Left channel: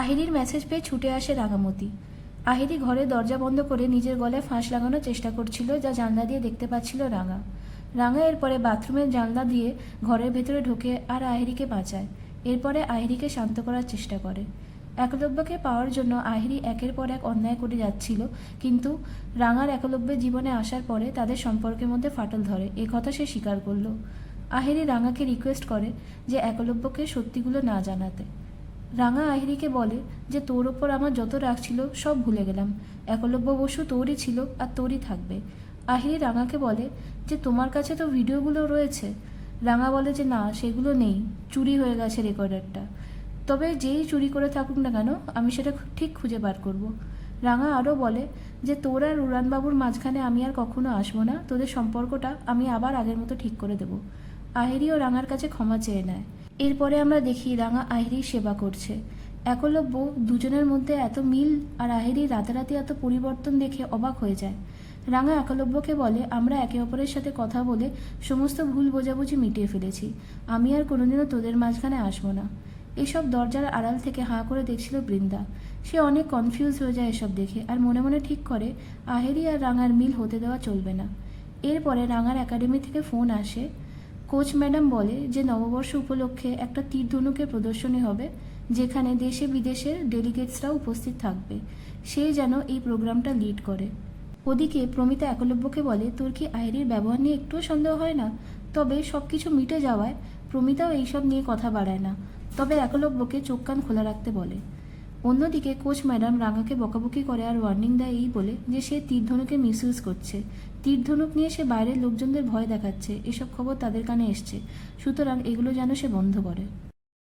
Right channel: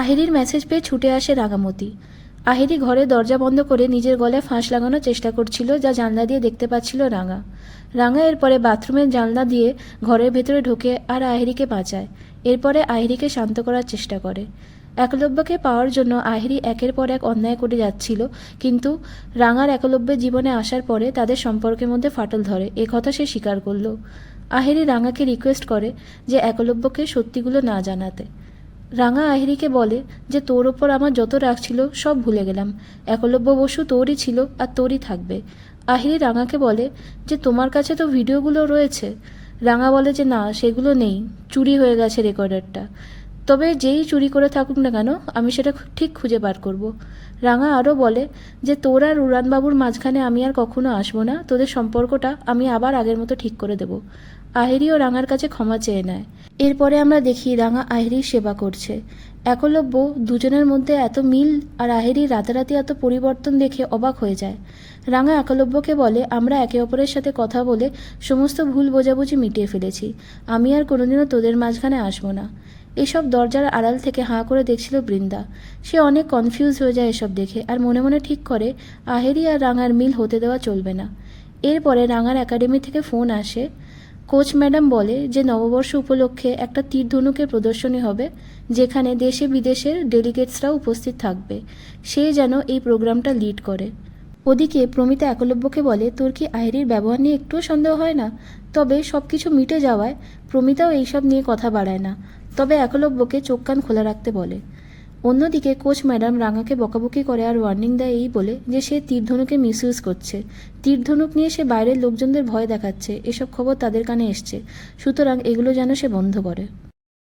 আহিরির message পেয়ে ছুটে আসে রাঙামতি। আহিরি ঘরে দরজা বন্ধ করে নিজের গলায় ফাঁস লাগানোর চেষ্টা করছিল, যা জানলা দিয়ে দেখতে পাচ্ছিল রাঙা। রাঙা এরপরে বাথরুমের জানলা দিয়ে ঘরের ভেতরে ঢোকে আর আহিরিকে বাঁচায়। এরপরে আহিরিকে শান্ত করার চেষ্টা করে। একলব্যকে পাওয়ার জন্য আহিরি একের পর এক অন্যায় করে যাচ্ছিল, কিন্তু রাঙার একলব্যের জীবনে আসার পরে তাদের সম্পর্কের মধ্যে ফাটল ধরে, এ কথা সে স্বীকার করল। আহিরি রাঙাকে রিকোয়েস্ট করে যে একলব্যকে সত্যিগুলো না জানাতে। রাঙা আহিরিকে বলে যে তোর ওপর আমার যত রাগ ছিল সব ভুলে গেলাম, একলব্য বসু তোরই ছিল আর তোরই থাকবে। আহিরি রাঙাকে বলে যে তোমার কাছে তো ভিডিওগুলো রয়েছে। রাঙা বলে যে না, সেগুলো নেই, চুরি হয়ে গেছে রেকর্ডারটা। তবে যেই চুরি করে থাকুক না কেন, আমি সেটা ঠিক খুঁজে বার করব। রাঙা আরও বলে যে তোর আর উড়ানবাবুর মাঝখানে আমি আর কখনো আসবো না, তোদের সম্পর্কটা আমি আবার আগের মতো ঠিক করে দেব। আহিরিও রাঙার কাছে ক্ষমা চেয়ে নেয়। এরপরে আমরা দেখি রাঙা আহিরির সেবা করছে। একলব্য দুজনের মধ্যে এত মিল আর আহিরির রাতারাতি এত পরিবর্তন দেখে অবাক হয়ে যায়। রাঙা একলব্যকে বলে আমরা একে অপরের সাথে কথা বলে সমস্ত ভুল বোঝাবুঝি মিটিয়ে ফেলেছি, আমি আর কোনোদিনও তোদের মাঝখানে আসবো না। এসব দরজার আড়াল থেকে হাঁ করে দেখছিল বৃন্দা। সে অনেক কনফিউজ হয়ে যায় এসব দেখে, আর মনে মনে ঠিক করে আহিরি আর রাঙার মিল হতে দেওয়া চলবে না। এরপরে রাঙার একাডেমি থেকে ফোন আসে। কোচ ম্যাডাম বলে যে নববর্ষ উপলক্ষে একটা তীর ধনুকের প্রদর্শনী হবে, যেখানে দেশে বিদেশের ডেলিগেটসরাও উপস্থিত থাকবে। সে যেন এই প্রোগ্রামটা লিড করে। ওদিকে প্রমিতা একলব্যকে বলে তোর কি আহিরির ব্যবহার নিয়ে একটুও সন্দেহ হয় না? তবে সব কিছু মিটে যাওয়ায় প্রমিতাও এইসব নিয়ে কথা বাড়ায় না, তবে একলব্যকে চোখ কান খোলা রাখতে বলে। অন্যদিকে কোচ ম্যাডাম রাঙাকে বকাবকি করে আর ওয়ার্নিং দেয় এই বলে যে সে তীরধনুকে মিসইউজ করছে। তীরধনুক নিয়ে সে বাইরের লোকজনদের ভয় দেখাচ্ছে, এসব খবর তাদের কানে এসছে, সুতরাং এগুলো যেন সে বন্ধ করে।